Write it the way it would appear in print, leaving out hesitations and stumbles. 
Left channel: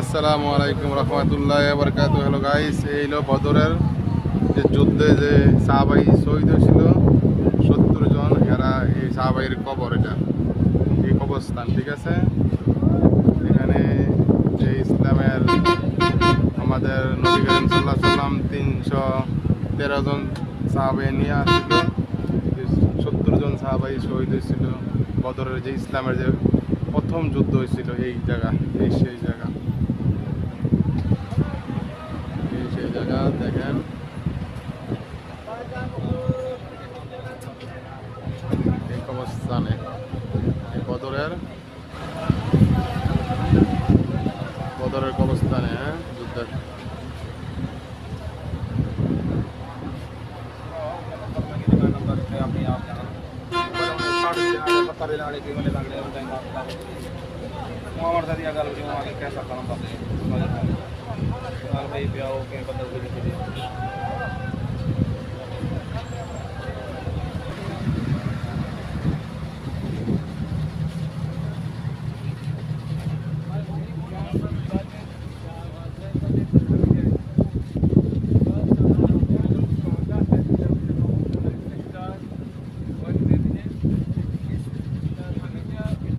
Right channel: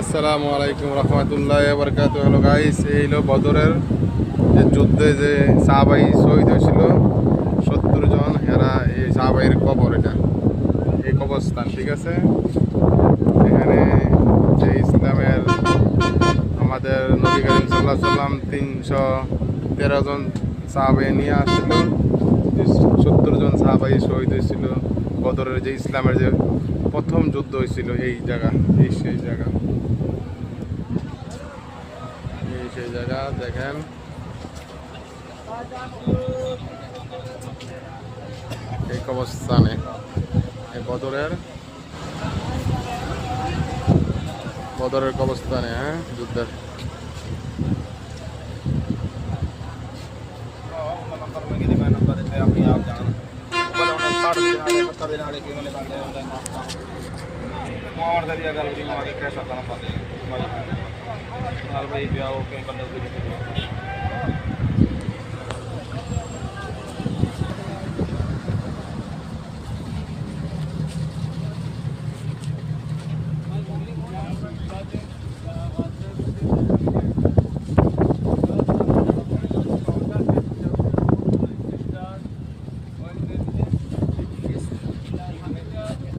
আসসালামু আলাইকুম রহমতুল্লাহ বরকাত। হ্যালো গাইস, এই হলো বদরের যে যুদ্ধে যে সাহাবাই শহীদ হয়েছিল 70 জন, এরা এই সাহাবাইয়ের কবর, এটা এই কবরস্থান, ঠিক আছে। এখানে যে ইসলামের আমাদের নবী করিম সাল্লাল্লাহু আলাইহি সাল্লাম 313 জন সাহাবাই নিয়ে আসছিল। 70 জন সাহাবাই শহীদ হয়েছিল বদরের যে ইসলামের যে প্রথম যুদ্ধ হয়েছিল এই জায়গা, এই সেই জায়গা, সেই জায়গা দেখেন। এই কবরস্থানে এই বদরের কবরস্থানে, হ্যাঁ, যুদ্ধের।